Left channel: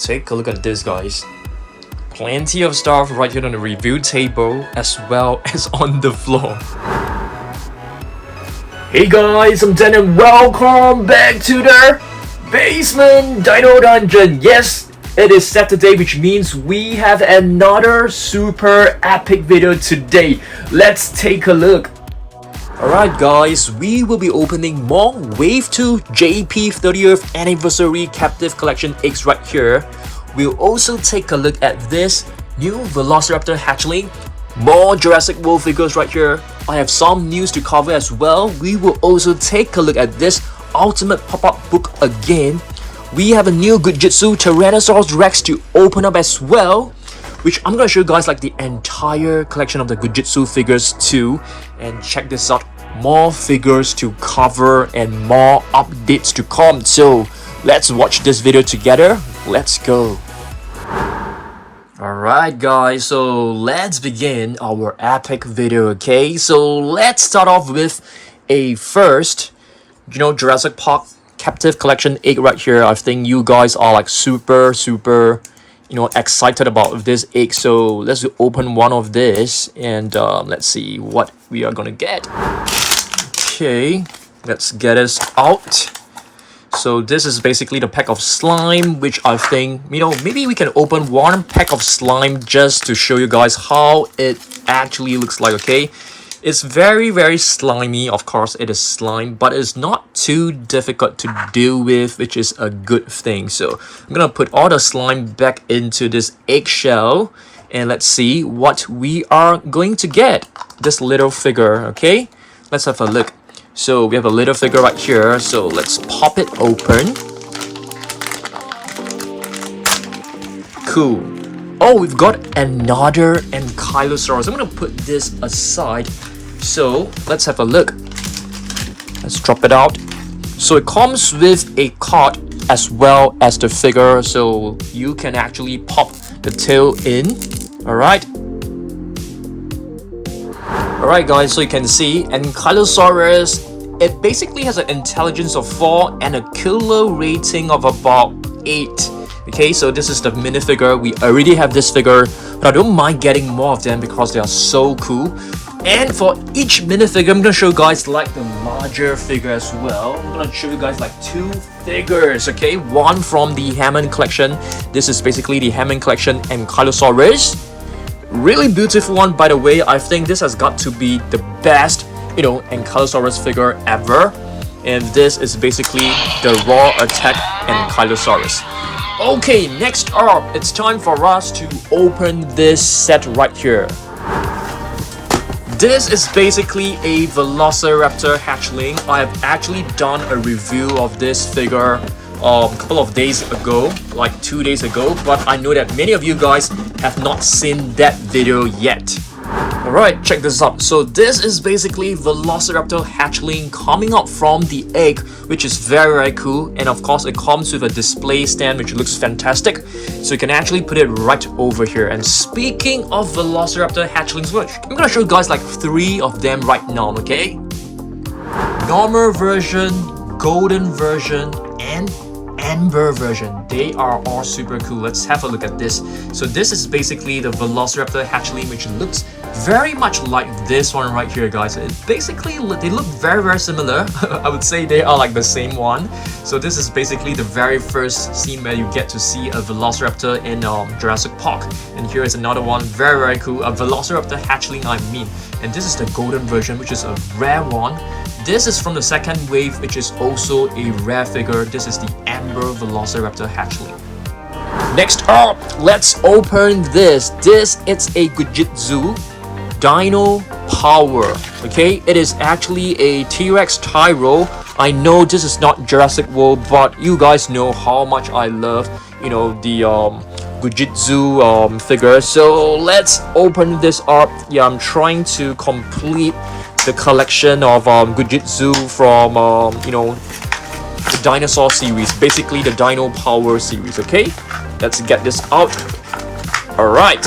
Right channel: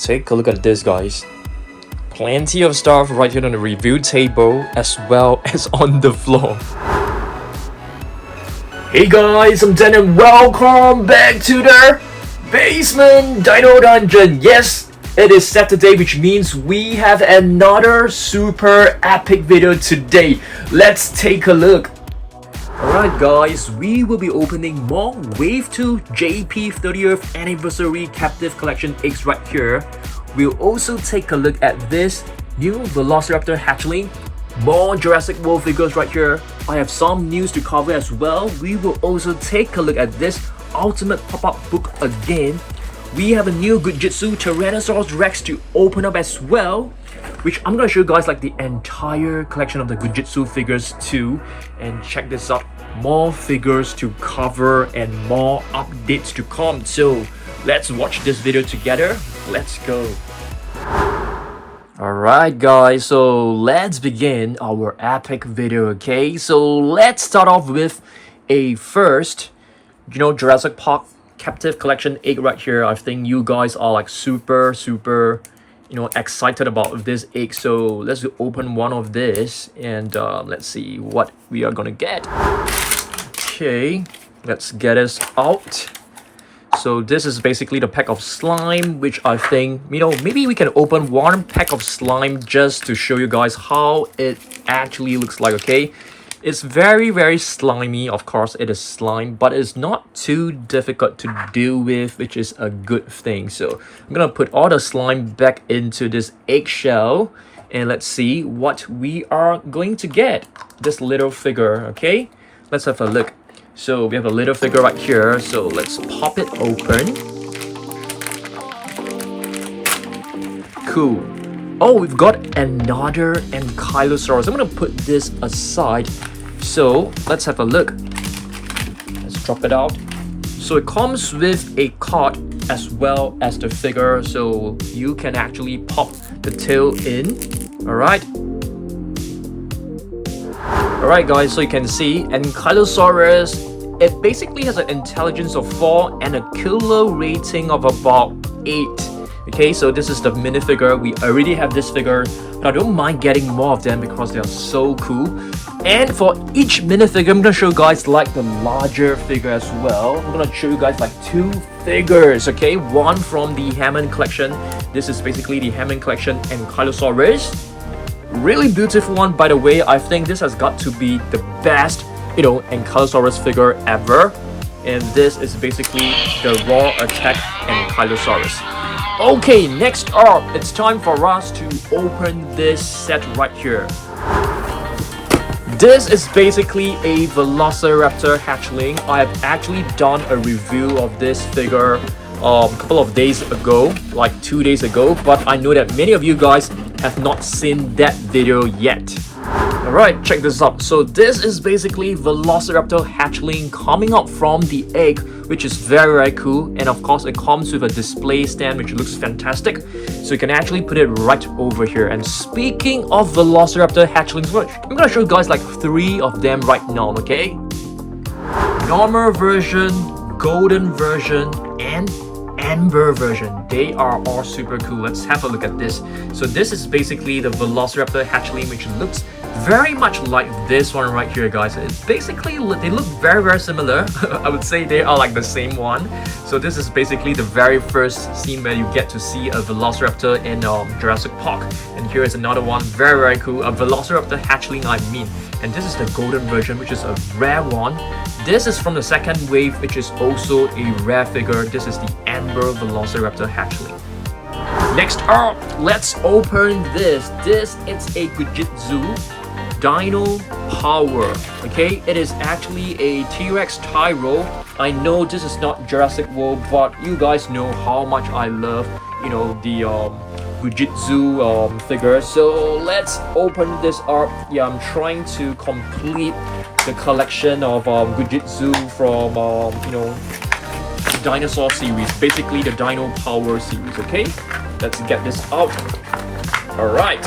Take a look at this, guys. Plenty of stuff right here on the review table as well as on the floor. Hey guys, I'm Dan and welcome back to the basement Dino Dungeon. Yes, it is Saturday, which means we have another super epic video today. Let's take a look. Alright guys, we will be opening more Wave 2 JP 30th Anniversary Captivz Collection eggs right here. We'll also take a look at this new Velociraptor hatchling, more Jurassic World figures right here. I have some news to cover as well. We will also take a look at this ultimate pop-up book again. We have a new Goo Jit Zu Tyrannosaurus Rex to open up as well, which I'm gonna show you guys like the entire collection of the Goo Jit Zu figures too. And check this out, more figures to cover and more updates to come. So let's watch this video together. Let's go. Alright guys, so let's begin our epic video, okay? So let's start off with a first, Jurassic Park Captivz Collection egg right here. I think you guys are like super excited about this egg. So let's open one of this and let's see what we are gonna get. Okay, let's get us out. So this is basically the pack of slime, which I think, maybe we can open one pack of slime just to show you guys how it actually looks like, okay? It's very slimy, of course it is slime, but it's not too difficult to deal with, which is a good thing. So I'm gonna put all the slime back into this eggshell, and let's see what we are going to get. This little figure, okay? Let's have a look. So we have a little figure right here, so let's pop it open. Cool. Oh, we've got another Ankylosaurus. I'm gonna put this aside. So let's have a look. Let's drop it out. So it comes with a card as well as the figure, so you can actually pop the tail in. Alright guys, so you can see Ankylosaurus, it basically has an intelligence of 4 and a kilo rating of about 8. Okay, so this is the minifigure. We already have this figure, but I don't mind getting more of them because they are so cool. And for each minifigure, I'm gonna show you guys like the larger figure as well. I'm gonna show you guys like 2 figures, okay? One from the Hammond Collection. This is basically the Hammond Collection Ankylosaurus. Really beautiful one, by the way. I think this has got to be the best, Ankylosaurus figure ever. And this is basically the raw attack Ankylosaurus. Okay, next up, it's time for us to open this set right here. This is basically a Velociraptor hatchling. I have actually done a review of this figure a couple of days ago, like 2 days ago, but I know that many of you guys have not seen that video yet. Alright, check this out. So this is basically Velociraptor hatchling coming out from the egg, which is very cool. And of course it comes with a display stand which looks fantastic, so you can actually put it right over here. And speaking of Velociraptor hatchlings, I'm gonna show you guys like 3 of them right now, okay? Normal version, golden version, and amber version. They are all super cool. Let's have a look at this. So this is basically the Velociraptor hatchling, which looks very much like this one right here, guys. It basically, they look very similar. I would say they are like the same one. So this is basically the very first scene where you get to see a Velociraptor in Jurassic Park. And here is another one, very cool, a Velociraptor hatchling, I mean. And this is the golden version, which is a rare one. This is from the second wave, which is also a rare figure. This is the amber Velociraptor hatchling. Next up, let's open this. This is a Goo Jit Zu Dino Power. Okay, it is actually a T-Rex Tyro. I know this is not Jurassic World, but you guys know how much I love, the Goo Jit Zu figure. So let's open this up. Yeah, I'm trying to complete the collection of Goo Jit Zu from the Dinosaur series, basically the Dino Power series. Okay, let's get this out. Alright,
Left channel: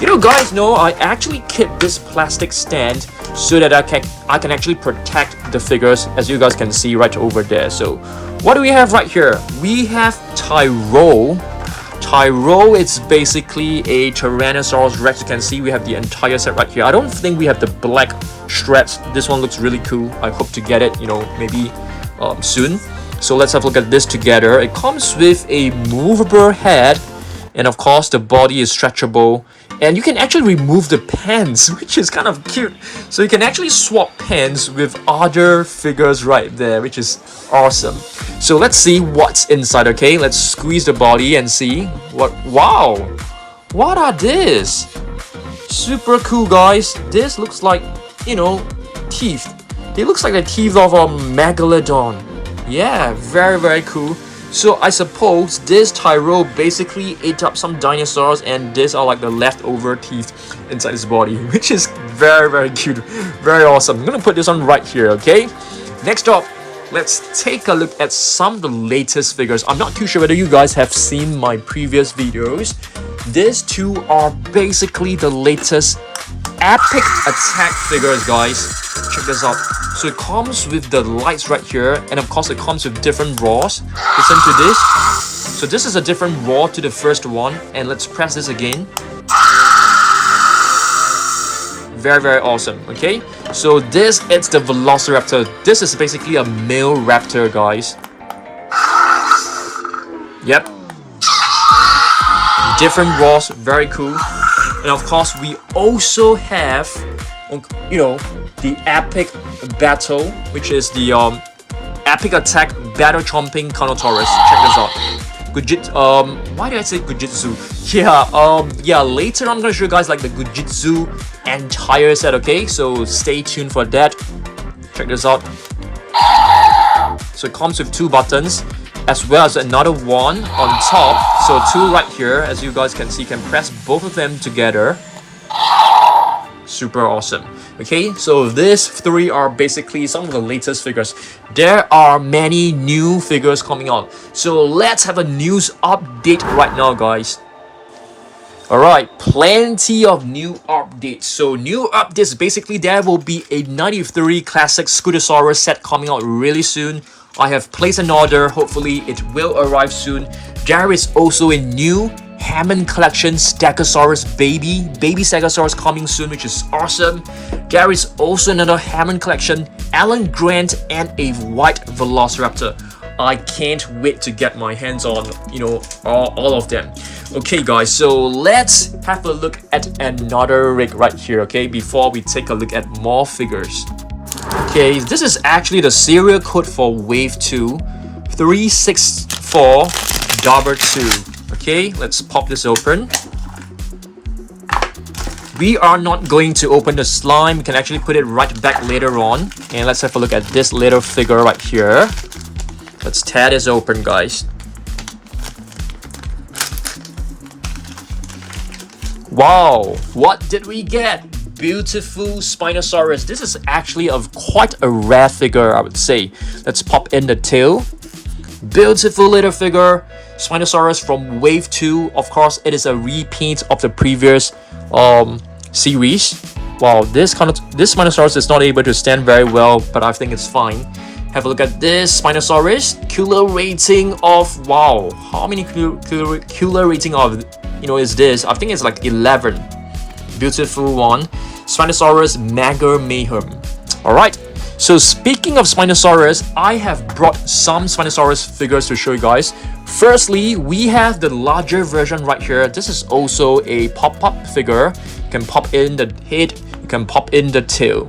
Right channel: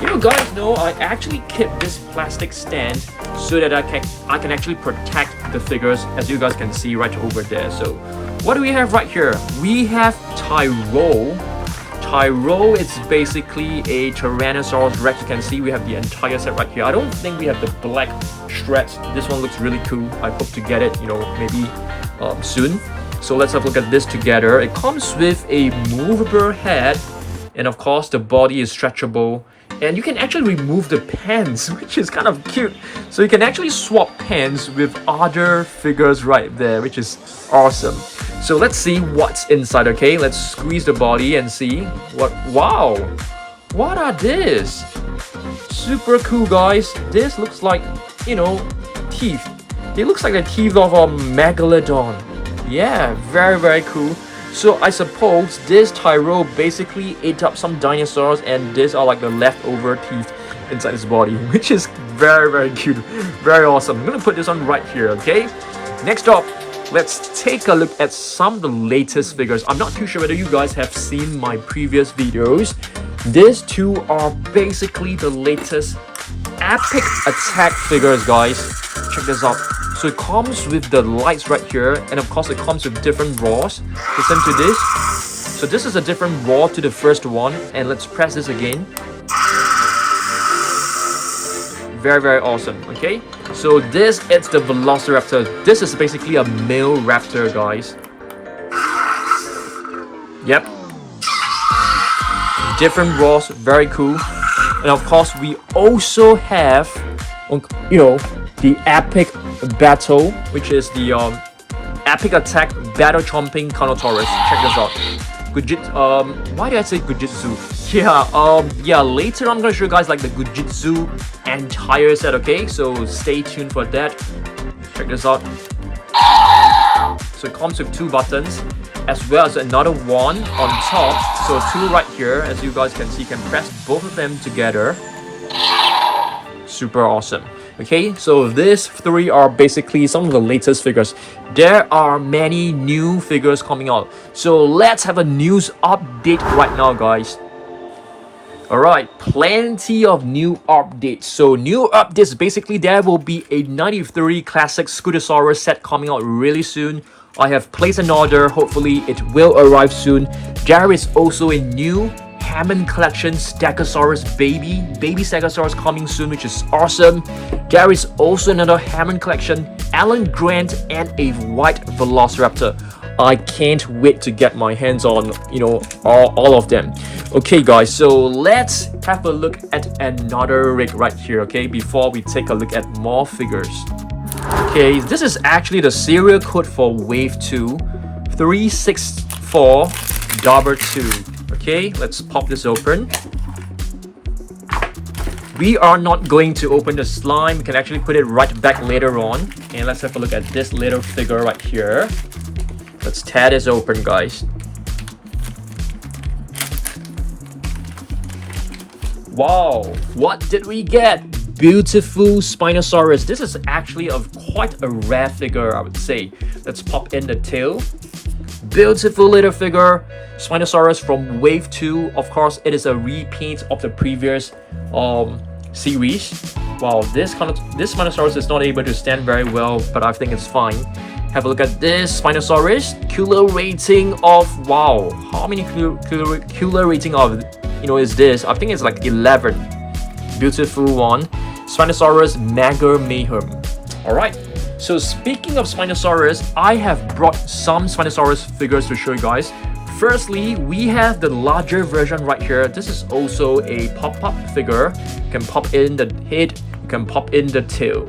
you guys know I actually keep this plastic stand so that I can actually protect the figures, as you guys can see right over there. So what do we have right here? We have Tyro, it's basically a Tyrannosaurus Rex. You can see we have the entire set right here. I don't think we have the black straps. This one looks really cool. I hope to get it, you know, maybe soon. So let's have a look at this together. It comes with a movable head, and of course the body is stretchable, and you can actually remove the pants, which is kind of cute. So you can actually swap pants with other figures right there, which is awesome. So let's see what's inside. Okay, let's squeeze the body and see what. Wow, what are this? Super cool, guys. This looks like, you know, teeth. It looks like the teeth of a megalodon. Yeah, very cool. So I suppose this Tyro basically ate up some dinosaurs, and these are like the leftover teeth inside his body, which is very cute, very awesome. I'm gonna put this on right here. Okay, next up, let's take a look at some of the latest figures. I'm not too sure whether you guys have seen my previous videos. These two are basically the latest epic attack figures, guys. Check this out. So it comes with the lights right here, and of course it comes with different roars. Listen to this. So this is a different roar to the first one, and let's press this again. Very awesome. Okay, so this is the Velociraptor. This is basically a male raptor, guys. Yep, different roars, very cool. And of course we also have, you know, the epic battle, which is the epic attack battle chomping Carnotaurus. Check this out. Why did I say Goo Jit Zu? Yeah, later I'm gonna show you guys like the Jujitsu entire set. Okay, so stay tuned for that. Check this out. So it comes with 2 buttons, as well as another one on top. So 2 right here, as you guys can see, you can press both of them together. Super awesome. Okay, so these 3 are basically some of the latest figures. There are many new figures coming out, so let's have a news update right now, guys. Alright, plenty of new updates. So new updates, basically there will be a 93 classic Spinosaurus set coming out really soon. I have placed an order, hopefully it will arrive soon. There is also a new Hammond Collection Stegosaurus baby Stegosaurus coming soon, which is awesome. There is also another Hammond Collection Alan Grant and a white Velociraptor. I can't wait to get my hands on, you know, all of them. Okay guys, so let's have a look at another rig right here, okay, before we take a look at more figures. Okay, this is actually the serial code for Wave 2 364-2. Okay, let's pop this open. We are not going to open the slime. We can actually put it right back later on. And let's have a look at this little figure right here. Let's tear this open, guys. Wow, what did we get? Beautiful Spinosaurus. This is actually quite a rare figure, I would say. Let's pop in the tail. Beautiful little figure. Spinosaurus from Wave 2. Of course, it is a repaint of the previous series. Wow, this Spinosaurus is not able to stand very well, but I think it's fine. Have a look at this Spinosaurus. Killer rating of, wow, how many killer rating of, you know, is this? I think it's like 11. Beautiful one. Spinosaurus Mega Mayhem. Alright, so speaking of Spinosaurus, I have brought some Spinosaurus figures to show you guys. Firstly, we have the larger version right here. This is also a pop-up figure. You can pop in the head, you can pop in the tail.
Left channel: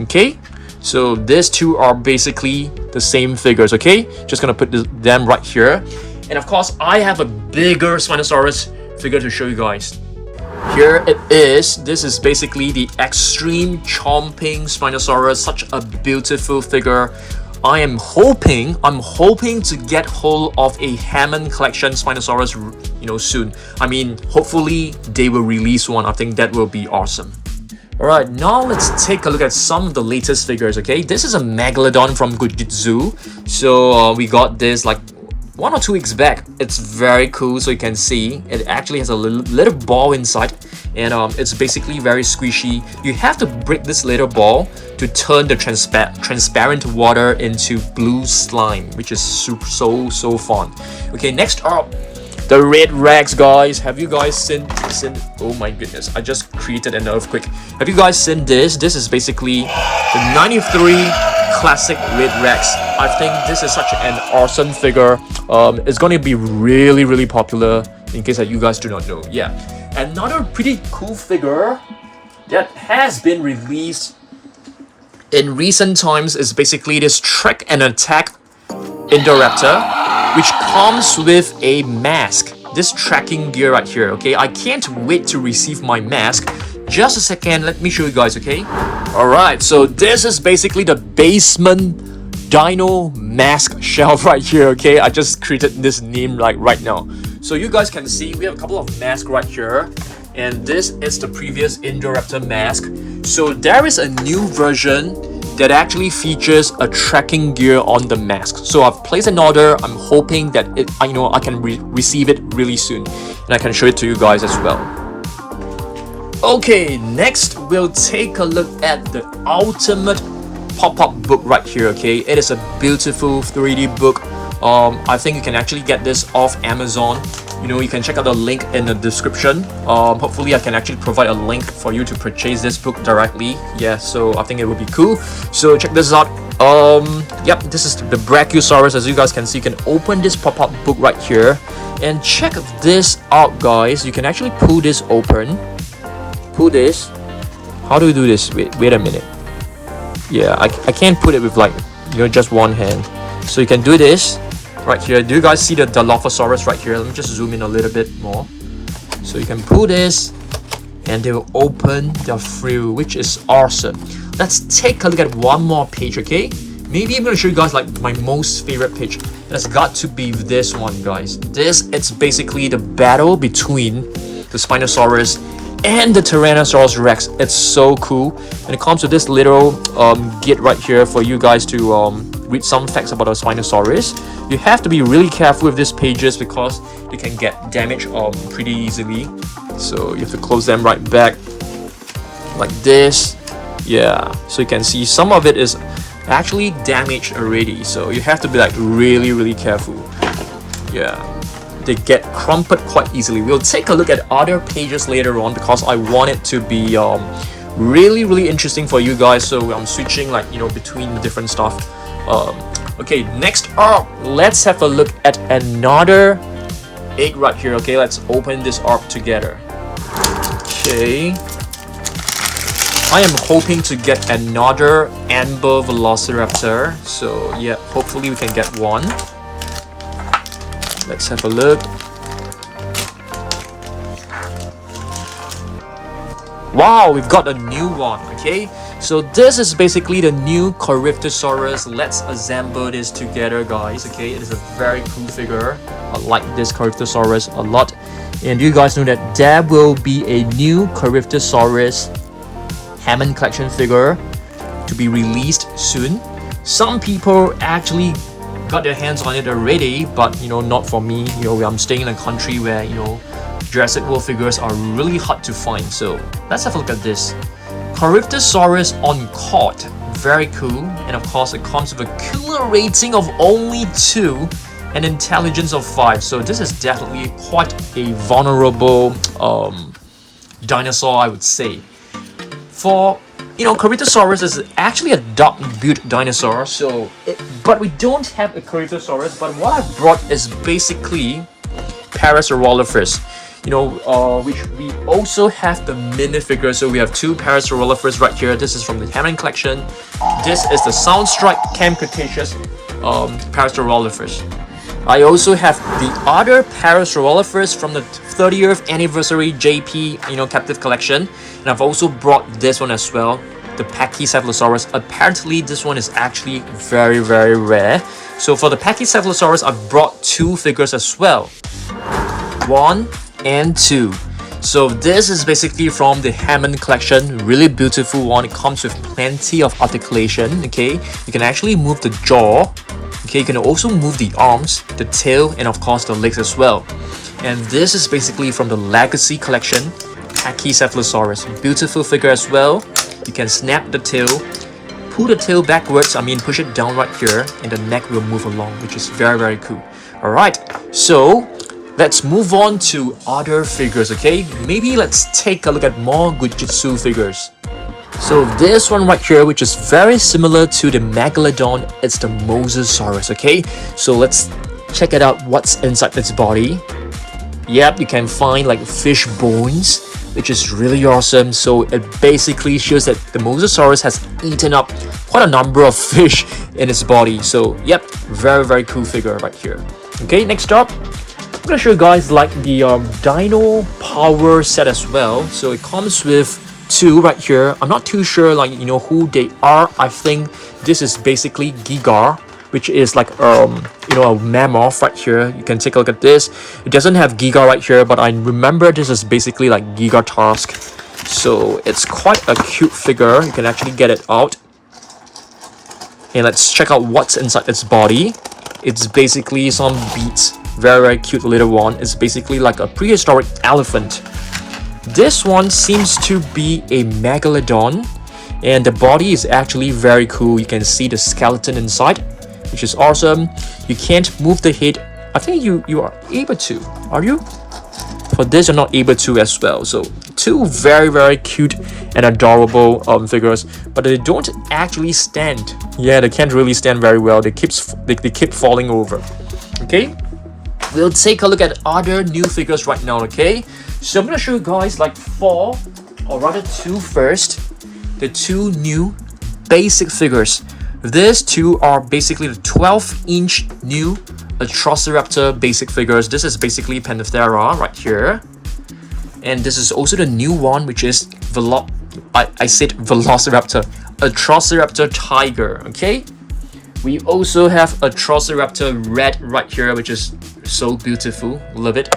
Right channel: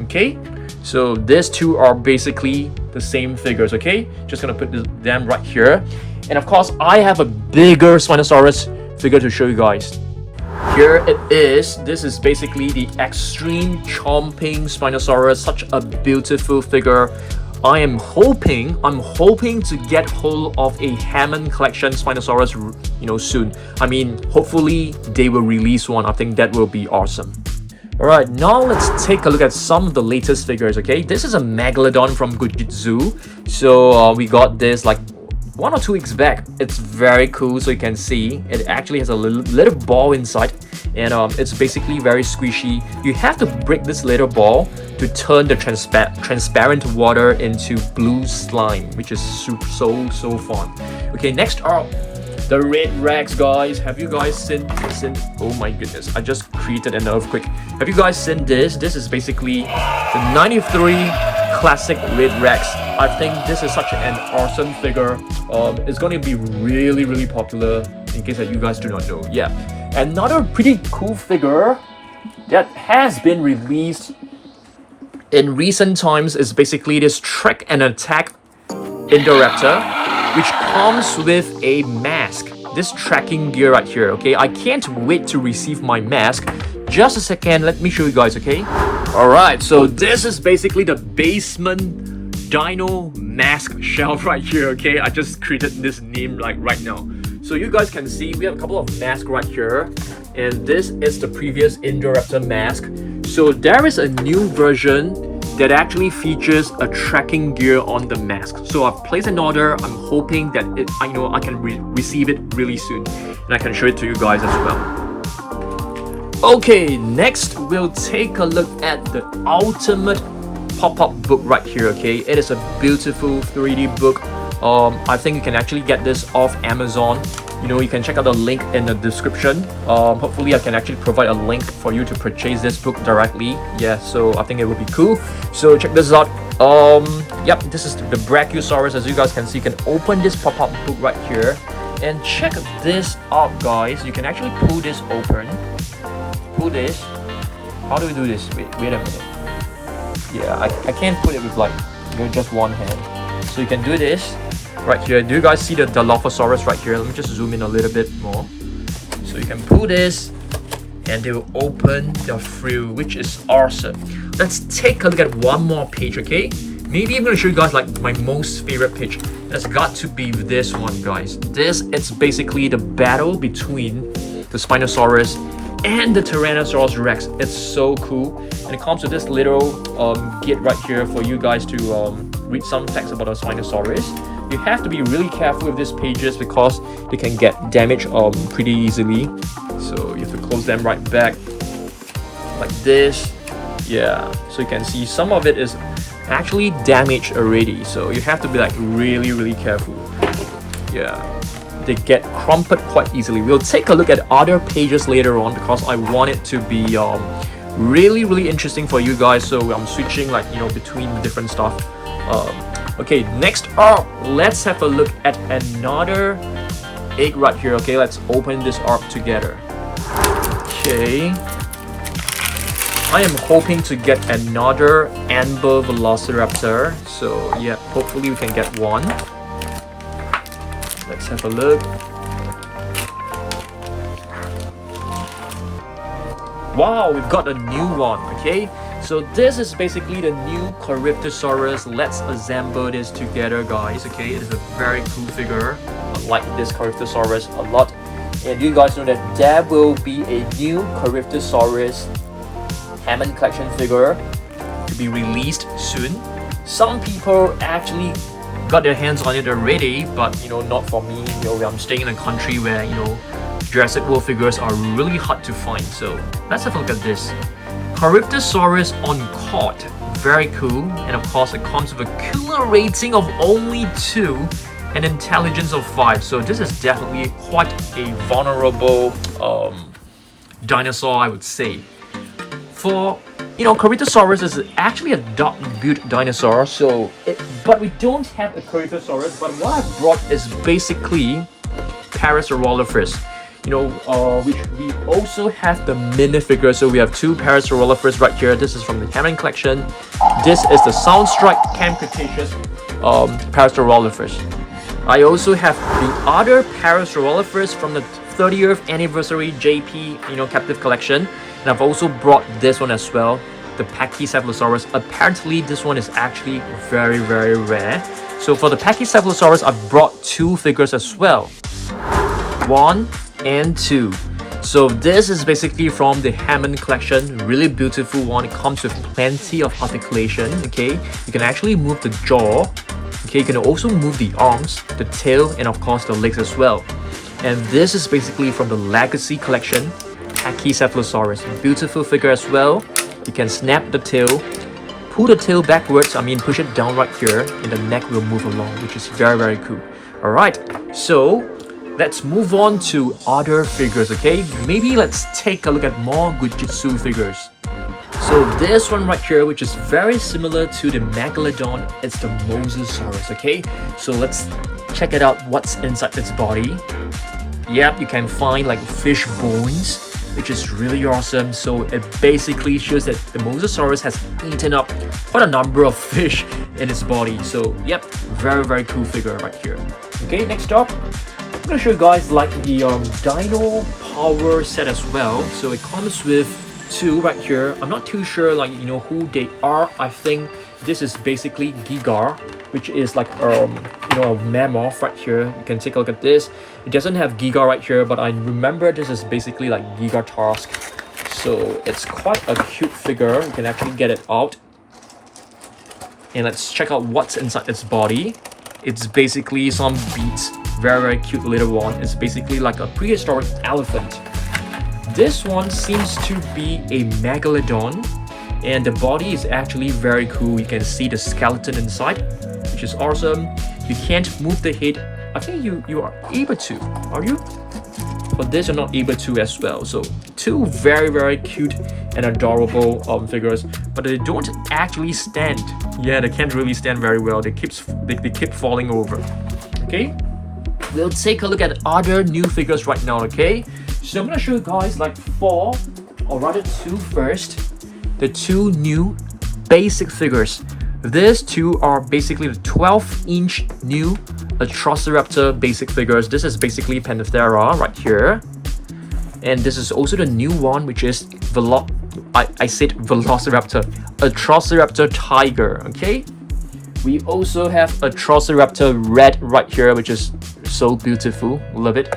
Okay, so these 2 are basically the same figures. Okay, just gonna put them right here. And of course, I have a bigger Spinosaurus figure to show you guys. Here it is. This is basically the extreme chomping Spinosaurus. Such a beautiful figure. I'm hoping to get hold of a Hammond Collection Spinosaurus, you know, soon. I mean, hopefully they will release one. I think that will be awesome. Alright, now let's take a look at some of the latest figures, okay? This is a Megalodon from Goo Jit Zu. So we got this like 1 or 2 weeks back. It's very cool. So you can see it actually has a little ball inside, and it's basically very squishy. You have to break this little ball to turn the transparent water into blue slime, which is so fun. Okay, next up, The Red Rex, guys. Have you guys seen? Oh my goodness, I just created an earthquake. Have you guys seen this? This is basically the 93 classic Red Rex. I think this is such an awesome figure. It's going to be really popular, in case that you guys do not know. Yeah, another pretty cool figure that has been released in recent times is basically this Trek and Attack Indoraptor, which comes with a mask. This tracking gear right here, okay? I can't wait to receive my mask. Just a second, let me show you guys, okay? Alright, so this is basically the basement Dino mask shelf right here, okay? I just created this name like right now. So you guys can see we have a couple of masks right here. And this is the previous Indoraptor mask. So there is a new version that actually features a tracking gear on the mask. So I've placed an order. I'm hoping that I can receive it really soon, and I can show it to you guys as well. Okay, next we'll take a look at the ultimate pop-up book right here. Okay, it is a beautiful 3D book. I think you can actually get this off Amazon. You can check out the link in the description. Hopefully I can actually provide a link for you to purchase this book directly. Yeah, so I think it would be cool. So check this out. Yep, this is the Brachiosaurus. As you guys can see, you can open this pop-up book right here and check this out, guys. You can actually pull this open. Pull this. How do you do this? Wait a minute. Yeah, I can't put it with just one hand. So you can do this right here. Do you guys see the Dilophosaurus right here? Let me just zoom in a little bit more. So you can pull this and they will open their frill, which is awesome. Let's take a look at one more page, okay? Maybe I'm going to show you guys my most favorite page. That's got to be this one, guys. It's basically the battle between the Spinosaurus and the Tyrannosaurus Rex. It's so cool, and it comes with this little guide right here for you guys to read some facts about the Spinosaurus. You have to be really careful with these pages because they can get damaged pretty easily. So you have to close them right back like this. Yeah, so you can see some of it is actually damaged already, so you have to be really careful. Yeah, they get crumpled quite easily. We'll take a look at other pages later on because I want it to be really interesting for you guys. So I'm switching between different stuff. Okay, next up, let's have a look at another egg right here. Okay, let's open this up together. Okay, I am hoping to get another amber Velociraptor. So yeah, hopefully we can get one. Let's have a look. Wow, we've got a new one. Okay, so this is basically the new Corythosaurus. Let's assemble this together, guys. Okay, it is a very cool figure. I like this Corythosaurus a lot. And you guys know that there will be a new Corythosaurus Hammond Collection figure to be released soon. Some people actually got their hands on it already, but not for me. I'm staying in a country where Jurassic World figures are really hard to find. So let's have a look at this Corythosaurus on cord. Very cool, and of course it comes with a killer rating of only 2 and intelligence of 5. So this is definitely quite a vulnerable dinosaur, I would say. For Corythosaurus is actually a dark-built dinosaur, but we don't have a Corythosaurus. But what I brought is basically Parasaurolophus, which we also have the minifigure. So we have 2 Parasaurolophus right here. This is from the Hammond Collection. This is the Soundstrike Camp Cretaceous Parasaurolophus. I also have the other Parasaurolophus from the 30th anniversary JP, Captivz Collection. And I've also brought this one as well, the Pachycephalosaurus. Apparently, this one is actually very rare. So for the Pachycephalosaurus, I've brought 2 figures as well. 1 and 2. So this is basically from the Hammond Collection. Really beautiful one. It comes with plenty of articulation. Okay, you can actually move the jaw. Okay, you can also move the arms, the tail, and of course the legs as well. And this is basically from the Legacy Collection, Pachycephalosaurus. Beautiful figure as well. You can snap the tail, pull the tail backwards, push it down right here, and the neck will move along, which is very cool. Alright, so let's move on to other figures, okay? Maybe let's take a look at more Goo Jit Zu figures. So this one right here, which is very similar to the Megalodon, it's the Mosasaurus, okay? So let's check it out, what's inside its body. Yep, you can find like fish bones, which is really awesome. So it basically shows that the Mosasaurus has eaten up quite a number of fish in its body. So yep, very cool figure right here. Okay, next up, I'm gonna show you guys like the Dino power set as well. So it comes with two right here. I'm not too sure like who they are. I think this is basically Giga, which is like a mammoth right here. You can take a look at this. It doesn't have Giga right here, but I remember this is basically like Giga Tusk. So it's quite a cute figure. You can actually get it out. And let's check out what's inside its body. It's basically some beads. Very cute little one. It's basically like a prehistoric elephant. This one seems to be a Megalodon, and the body is actually very cool. You can see the skeleton inside, which is awesome. You can't move the head. I think you are able to. Are you? For this, you're not able to as well. So two very cute and adorable figures, but they don't actually stand. Yeah, they can't really stand very well. They keep falling over. Okay, we'll take a look at other new figures right now. Okay, so I'm gonna show you guys like four, or rather two first. The two new basic figures. These two are basically the 12-inch new Triceratops basic figures. This is basically Panthera right here. And this is also the new one, which is I said Velociraptor. A Triceratops tiger, okay? We also have a Triceratops red right here, which is so beautiful. Love it.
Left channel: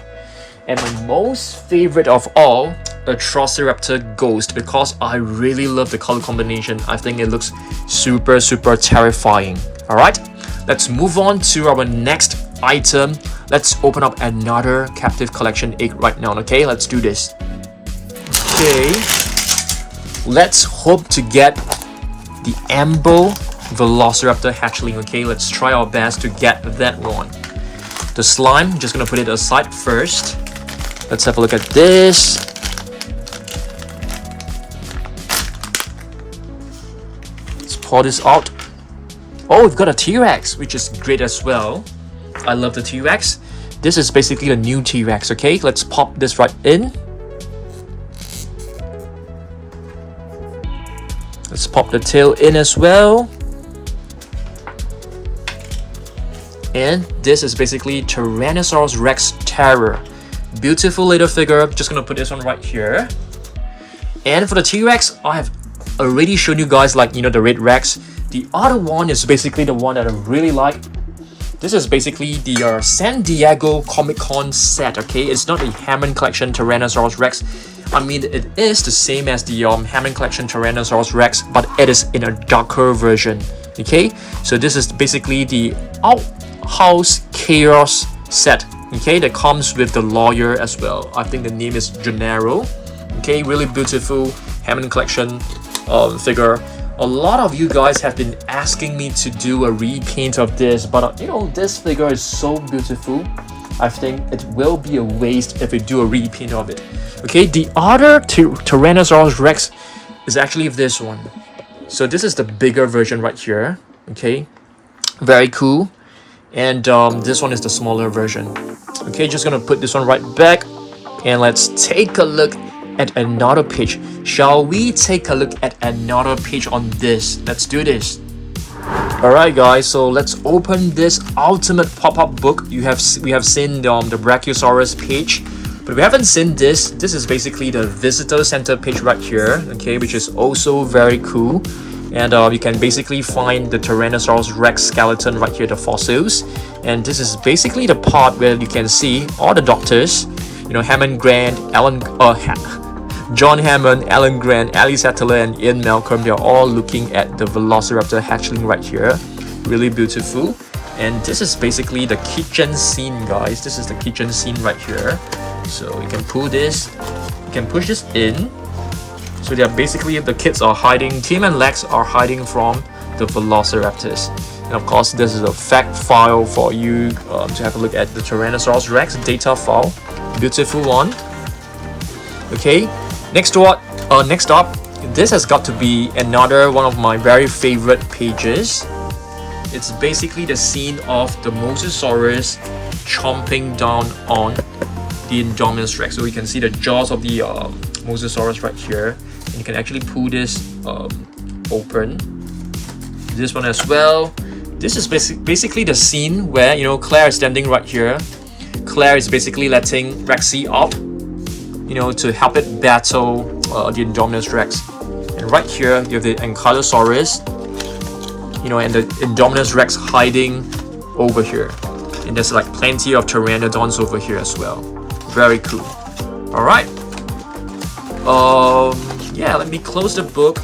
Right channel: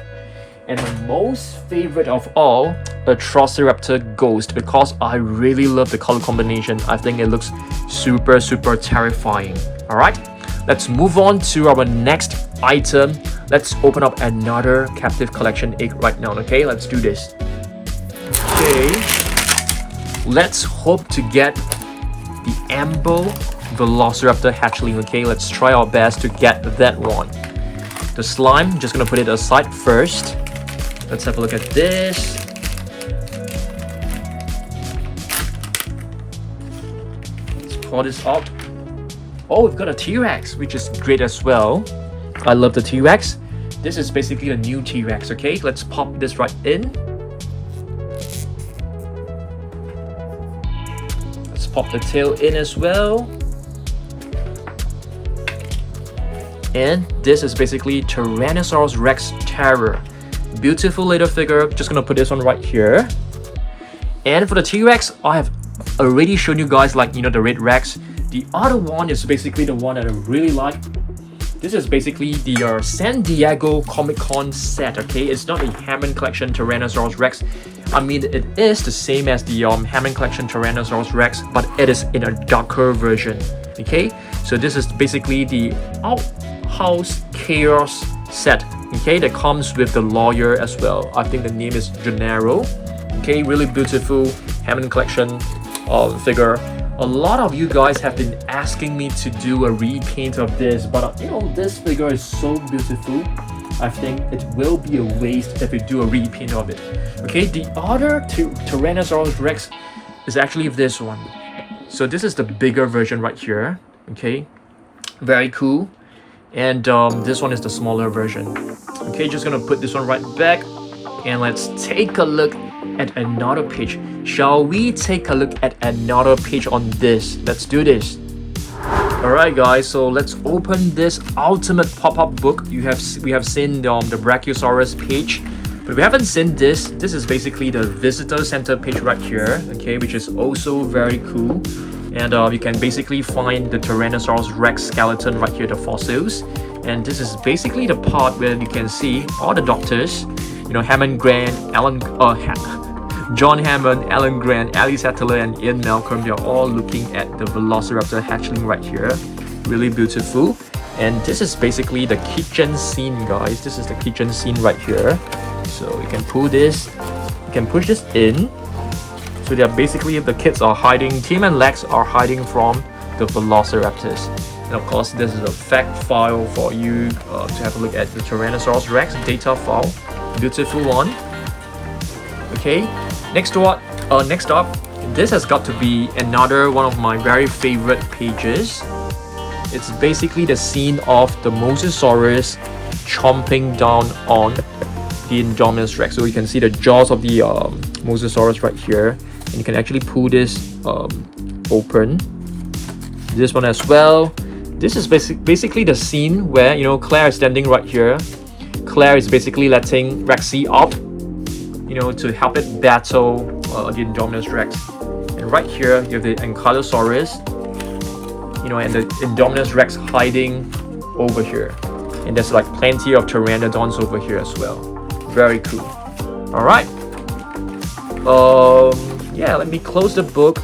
And my most favorite of all, a Triceratops ghost, because I really love the color combination. I think it looks super terrifying. Alright, let's move on to our next item. Let's open up another Captivz Collection egg right now. Okay, let's do this. Okay, let's hope to get the Ambo Velociraptor hatchling. Okay, let's try our best to get that one. The slime, just gonna put it aside first. Let's have a look at this. Let's pour this out. Oh, we've got a T-Rex, which is great as well. I love the T-Rex. This is basically a new T-Rex, okay? Let's pop this right in. Let's pop the tail in as well. And this is basically Tyrannosaurus Rex Terror. Beautiful little figure. Just gonna put this one right here. And for the T-Rex, I have already shown you guys like the red Rex. The other one is basically the one that I really like. This is basically the San Diego Comic-Con set, okay? It's not a Hammond Collection Tyrannosaurus Rex. I mean, it is the same as the Hammond Collection Tyrannosaurus Rex, but it is in a darker version, okay? So this is basically the Outhouse Chaos set, okay? That comes with the lawyer as well. I think the name is Gennaro, okay? Really beautiful Hammond Collection figure. A lot of you guys have been asking me to do a repaint of this, but this figure is so beautiful. I think it will be a waste if we do a repaint of it. Okay, the other Tyrannosaurus Rex is actually this one. So this is the bigger version right here. Okay, very cool. And this one is the smaller version. Okay, just gonna put this one right back, and let's take a look at another page. Shall we take a look at another page on this? Let's do this. Alright guys, so let's open this ultimate pop-up book. We have seen the Brachiosaurus page, but we haven't seen this. This is basically the visitor center page right here, okay, which is also very cool. And you can basically find the Tyrannosaurus Rex skeleton right here, the fossils. And this is basically the part where you can see all the doctors, Hammond Grant, John Hammond, Alan Grant, Ali Sattler, and Ian Malcolm. They're all looking at the Velociraptor hatchling right here. Really beautiful. And this is basically the kitchen scene, guys. This is the kitchen scene right here. So you can pull this, you can push this in. So they're basically, the kids are hiding, Tim and Lex are hiding from the Velociraptors. And of course, this is a fact file for you to have a look at the Tyrannosaurus Rex data file. Beautiful one. Okay, next up, this has got to be another one of my very favorite pages. It's basically the scene of the Mosasaurus chomping down on the Indominus Rex. So you can see the jaws of the Mosasaurus right here. And you can actually pull this open. This one as well. This is basically the scene where, you know, Claire is standing right here. Claire is basically letting Rexy up, you know, to help it battle the Indominus Rex. And right here, you have the Ankylosaurus, you know, and the Indominus Rex hiding over here. And there's like plenty of pteranodons over here as well. Very cool. All right. Yeah, let me close the book.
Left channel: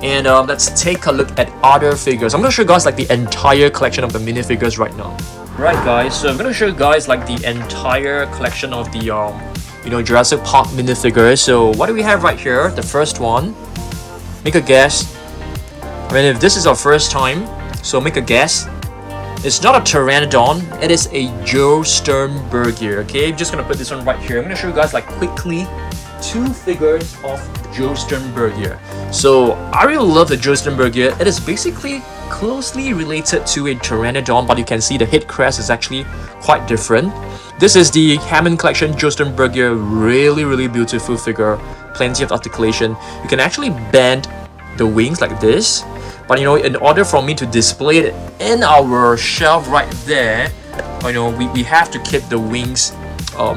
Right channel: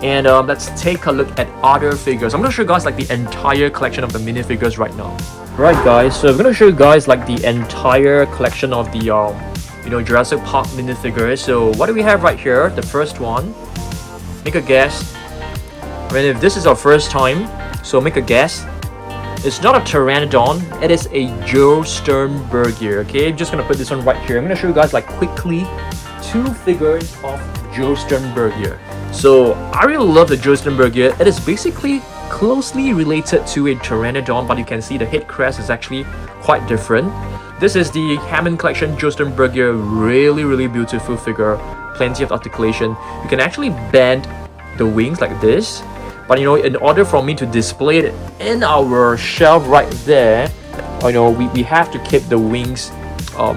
And let's take a look at other figures. I'm gonna show you guys like the entire collection of the minifigures right now. Right, guys, so I'm gonna show you guys like the entire collection of the you know, Jurassic Park minifigures. So what do we have right here? The first one. Make a guess. I mean, if this is our first time, so make a guess. It's not a pteranodon, it is a Joe Sternberger. Okay, I'm just gonna put this one right here. I'm gonna show you guys like quickly 2 figures of Joe Sternberger. So I really love the Joe Sternberger. It is basically closely related to a pteranodon, but you can see the head crest is actually quite different. This is the Hammond Collection Joe Sternberger. Really beautiful figure. Plenty of articulation. You can actually bend the wings like this. But you know, in order for me to display it in our shelf right there, you know, we have to keep the wings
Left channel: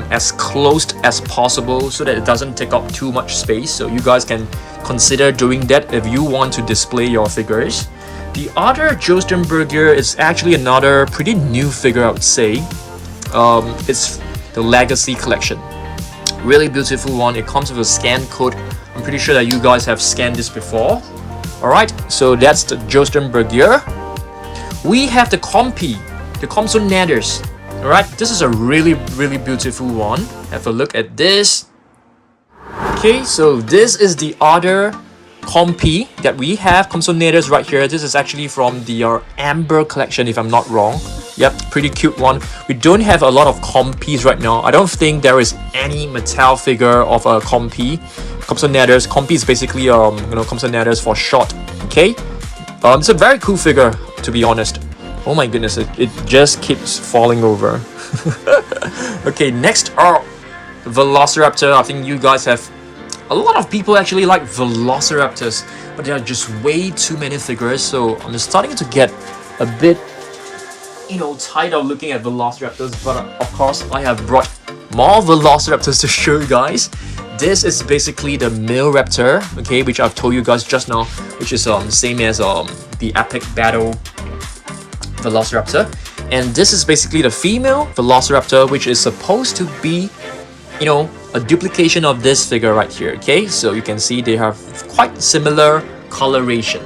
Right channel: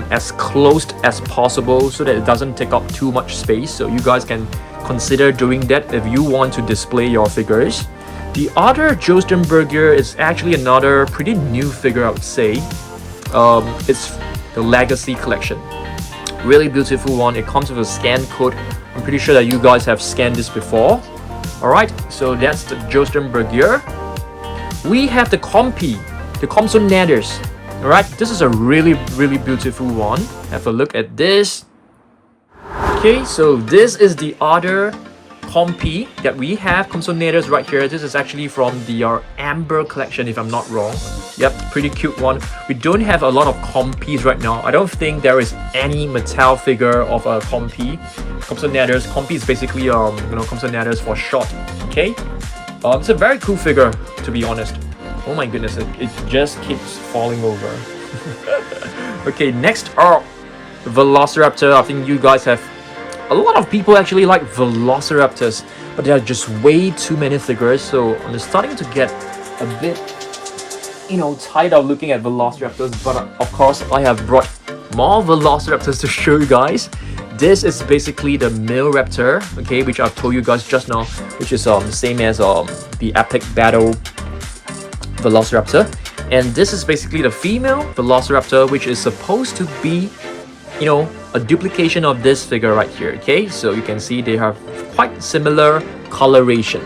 as closed as possible so that it doesn't take up too much space. So you guys can consider doing that if you want to display your figures. The other Joe Sternberger is actually another pretty new figure, I would say. It's the Legacy Collection. Really beautiful one. It comes with a scan code. I'm pretty sure that you guys have scanned this before. Alright, so that's the Joe Sternberger. We have the Compy, the Compsognathus. Alright, this is a really beautiful one. Have a look at this. Okay, so this is the other Compy that we have, Compsognathus right here. This is actually from the Amber collection, if I'm not wrong. Yep, pretty cute one. We don't have a lot of Compys right now. I don't think there is any Mattel figure of a Compy. Compsognathus. Compy is basically you know, Compsognathus for short. Okay, it's a very cool figure, to be honest. Oh my goodness, it just keeps falling over. Okay, next up, Velociraptor. I think you guys have, a lot of people actually like Velociraptors, but there are just way too many figures, so I'm starting to get a bit, you know, tired of looking at Velociraptors. But of course, I have brought more Velociraptors to show you guys. This is basically the male raptor, okay, which I've told you guys just now, which is same as the epic battle Velociraptor. And this is basically the female Velociraptor, which is supposed to be, you know, a duplication of this figure right here. Okay, so you can see they have quite similar coloration.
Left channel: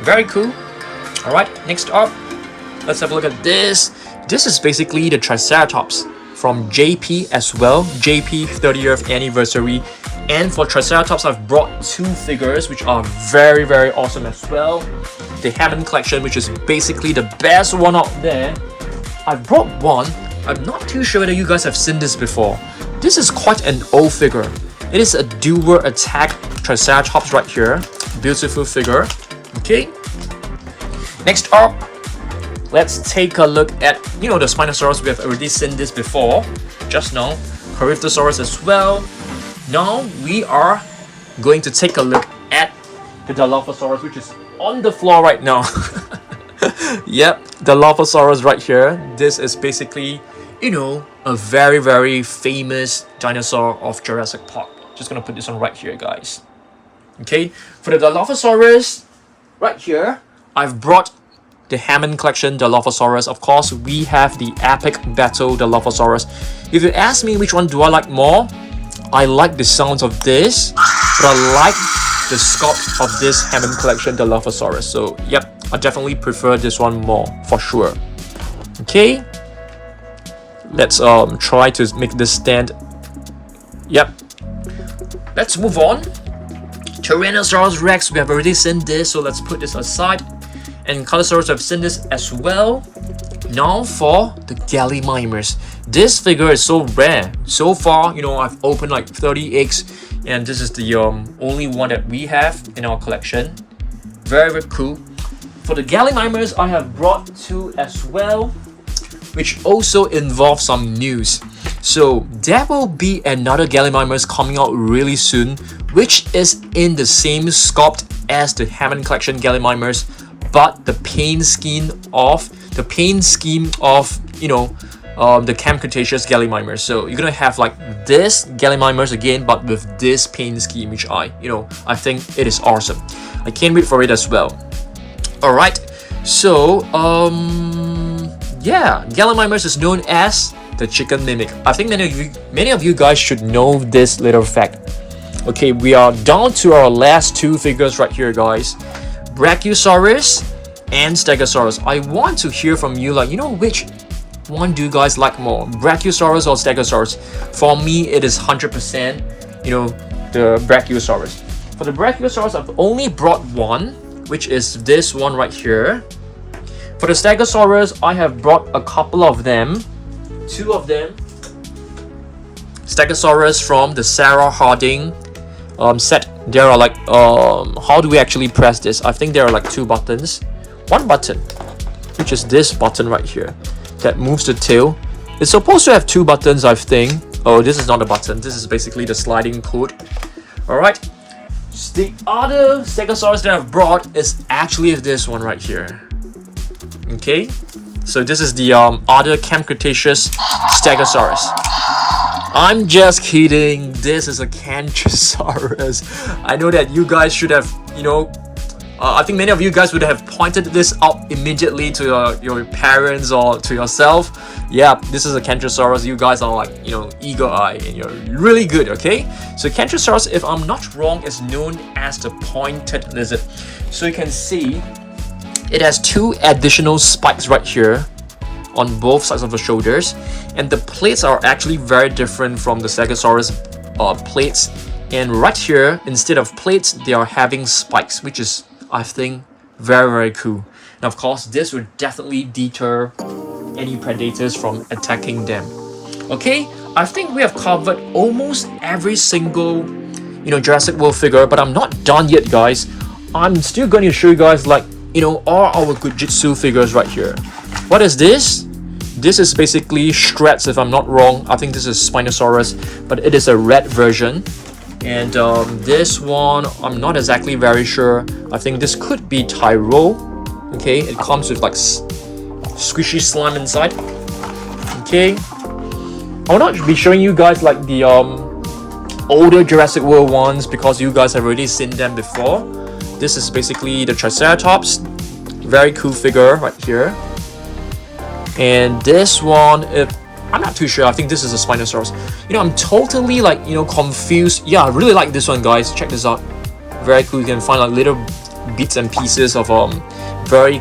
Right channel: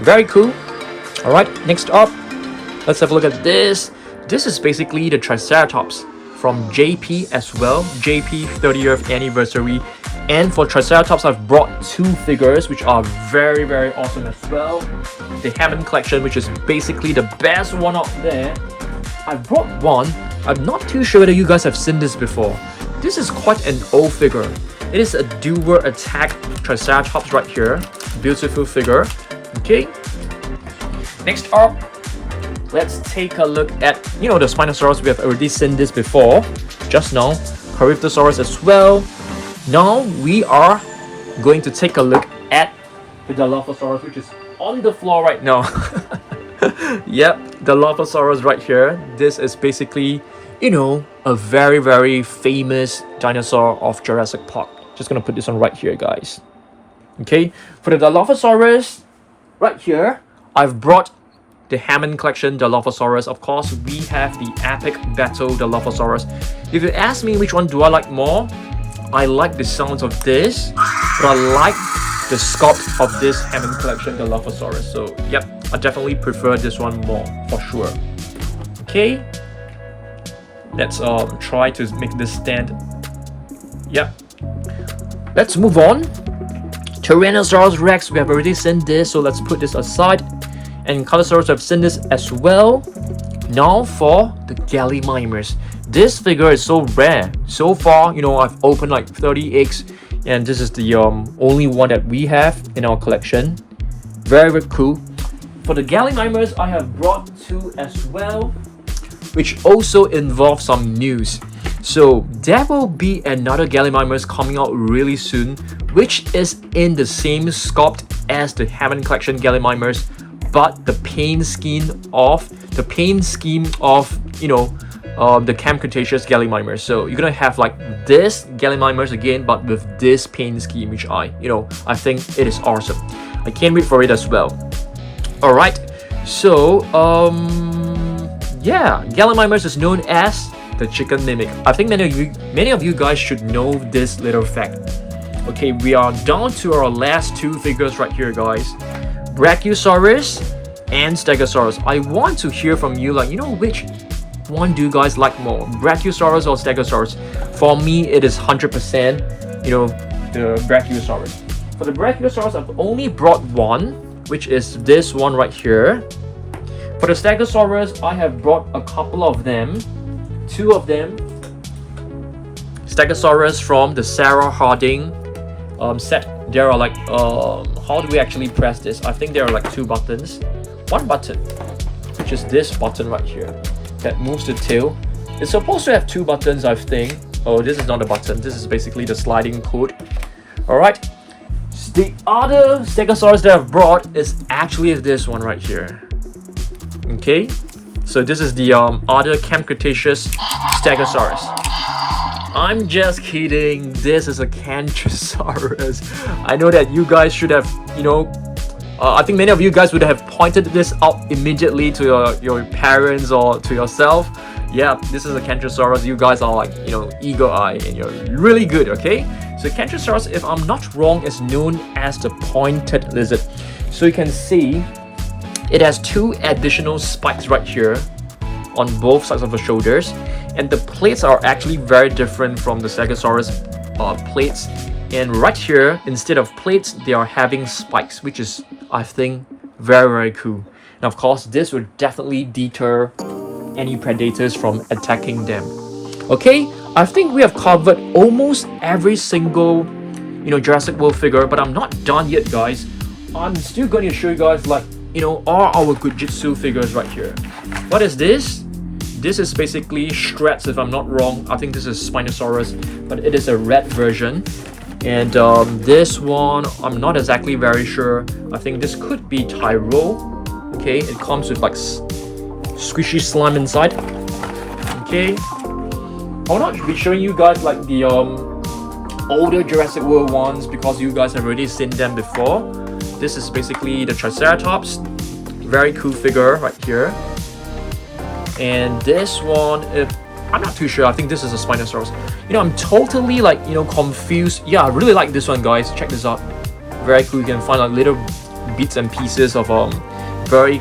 Very cool. All right, next up, let's have a look at this. This is basically the Triceratops from JP as well. JP 30th anniversary. And for Triceratops, I've brought 2 figures which are very awesome as well. The Hammond Collection, which is basically the best one out there. I brought one. I'm not too sure whether you guys have seen this before. This is quite an old figure. It is a dual attack Triceratops right here. Beautiful figure. Okay. Next up, let's take a look at, you know, the Spinosaurus. We have already seen this before, just now. Corythosaurus as well. Now we are going to take a look at the Dilophosaurus, which is on the floor right now. Yep, the Dilophosaurus right here. This is basically, you know, a very famous dinosaur of Jurassic Park. Just gonna put this one right here, guys. Okay, for the Dilophosaurus right here, I've brought the Hammond Collection Dilophosaurus. Of course, we have the epic battle Dilophosaurus. If you ask me which one do I like more, I like the sounds of this, but I like the sculpt of this Hammond Collection Dilophosaurus. So yep, I definitely prefer this one more for sure. Okay, let's try to make this stand. Yep, let's move on Tyrannosaurus Rex, we have already seen this, so let's put this aside. And Ankylosaurus, have seen this as well. Now for the Gallimimus. This figure is so rare. So far, you know, I've opened like 30 eggs, and this is the only one that we have in our collection. Very, very cool. For the Gallimimus, I have brought 2 as well, which also involve some news. So there will be another Gallimimus coming out really soon, which is in the same sculpt as the Hammond Collection Gallimimus, but the paint scheme of you know, the Carnotaurus Gallimimus. So you're gonna have like this Gallimimus again, but with this paint scheme, which I think it is awesome. I can't wait for it as well. All right, so yeah, Gallimimus is known as the chicken mimic. I think many of you guys should know this little fact. Okay, we are down to our last 2 figures right here, guys. Brachiosaurus and Stegosaurus. I want to hear from you, like, you know, which one do you guys like more, Brachiosaurus or Stegosaurus? For me, it is 100%, you know, the Brachiosaurus. For the Brachiosaurus, I've only brought 1, which is this one right here. For the Stegosaurus, I have brought a couple of them, 2 of them. Stegosaurus from the Sarah Harding set. There are like, how do we actually press this? I think there are like 2 buttons. 1 button, which is this button right here, that moves the tail. It's supposed to have 2 buttons, I think. Oh, this is not a button. This is basically the sliding code. Alright. The other Stegosaurus that I've brought is actually this one right here. Okay. So this is the other Carnotaurus Stegosaurus. I'm just kidding. This is a Carnotaurus. I know that you guys should have, you know, I think many of you guys would have pointed this out immediately to your parents or to yourself. Yeah, this is a Carnotaurus. You guys are like, you know, eagle eye, and you're really good, okay? So Carnotaurus, if I'm not wrong, is known as the pointed lizard. So you can see it has 2 additional spikes right here on both sides of the shoulders, and the plates are actually very different from the Stegosaurus plates. And right here, instead of plates, they are having spikes, which is, I think, very, very cool. And of course, this would definitely deter any predators from attacking them. Okay, I think we have covered almost every single, you know, Jurassic World figure, but I'm not done yet, guys. I'm still going to show you guys, like, you know, all our Jujitsu figures right here. What is this? This is basically shreds, if I'm not wrong. I think this is Spinosaurus, but it is a red version. And this one, I'm not exactly very sure. I think this could be Tyro. Okay, it comes with like squishy slime inside. Okay, I'll not be showing you guys like the older Jurassic World ones because you guys have already seen them before. This is basically the Triceratops. Very cool figure right here. And this one, I'm not too sure. I think this is a Spinosaurus. You know, I'm totally like, you know, confused. Yeah, I really like this one, guys. Check this out. Very cool. You can find like little bits and pieces of very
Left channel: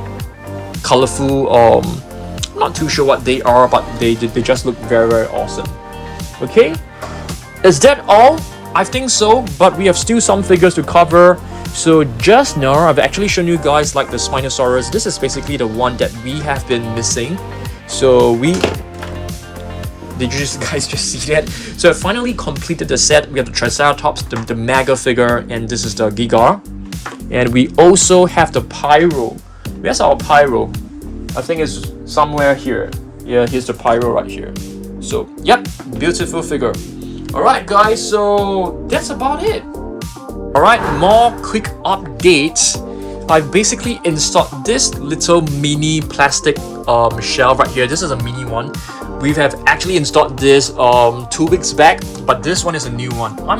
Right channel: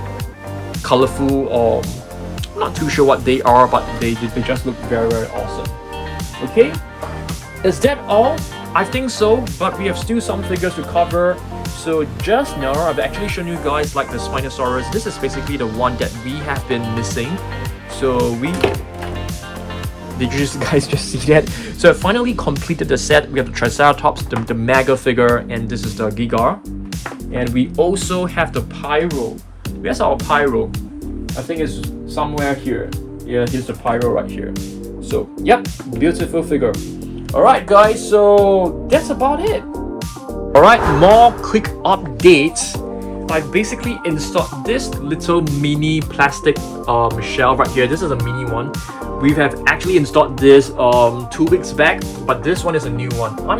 colorful. I'm not too sure what they are, but they just look very, very awesome. Okay, is that all? I think so, but we have still some figures to cover. So just now, I've actually shown you guys like the Spinosaurus. This is basically the one that we have been missing. So did you guys just see that? So I finally completed the set. We have the Triceratops, the mega figure, and this is the Giga. And we also have the Pyro. Where's our Pyro? I think it's somewhere here. Yeah, here's the Pyro right here. So, yep, beautiful figure. Alright guys, so that's about it. Alright, more quick updates. I basically installed this little mini plastic shell right here. This is a mini one. We have actually installed this 2 weeks back, but this one is a new one. I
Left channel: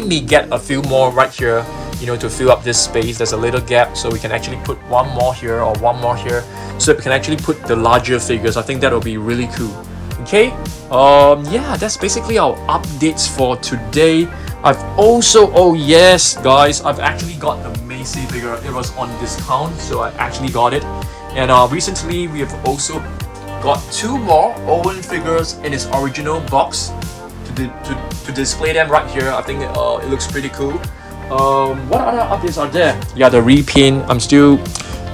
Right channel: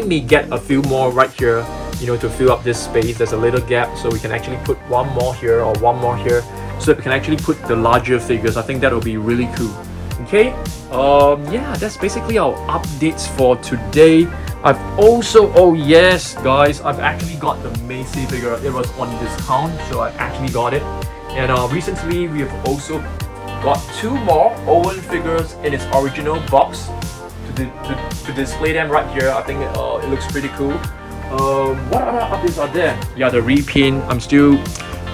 may get a few more right here, you know, to fill up this space. There's a little gap, so we can actually put one more here or one more here, so we can actually put the larger figures. I think that will be really cool. Okay, yeah, that's basically our updates for today. I've also, oh yes guys, I've actually got the Macy figure. It was on discount, so I actually got it. And recently we have also got 2 more Owen figures in its original box to display them right here. I think it looks pretty cool. What other updates are there? Yeah, the repaint.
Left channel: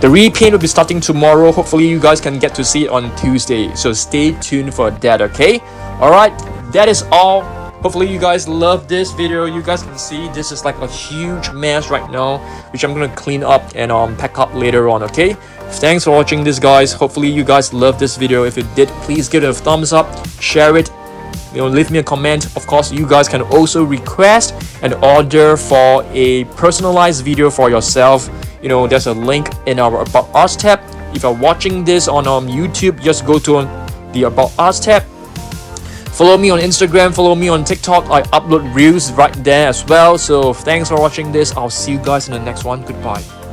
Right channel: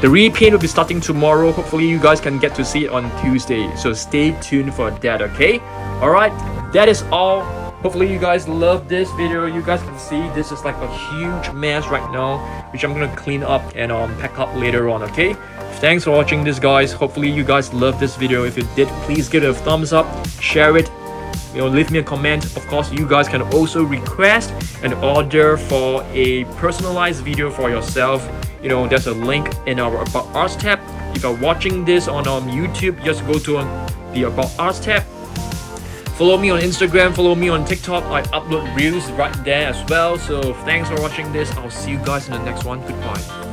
The repaint will be starting tomorrow. Hopefully you guys can get to see it on Tuesday. So stay tuned for that, okay? Alright, that is all. Hopefully you guys love this video. You guys can see this is like a huge mess right now, which I'm gonna clean up and pack up later on, okay? Thanks for watching this, guys. Hopefully you guys love this video. If you did, please give it a thumbs up, share it, leave me a comment. Of course, you guys can also request and order for a personalized video for yourself. There's a link in our About Us tab. If you're watching this on YouTube, just go to the About Us tab. Follow me on Instagram, follow me on TikTok. I upload reels right there as well. So thanks for watching this. I'll see you guys in the next one. Goodbye.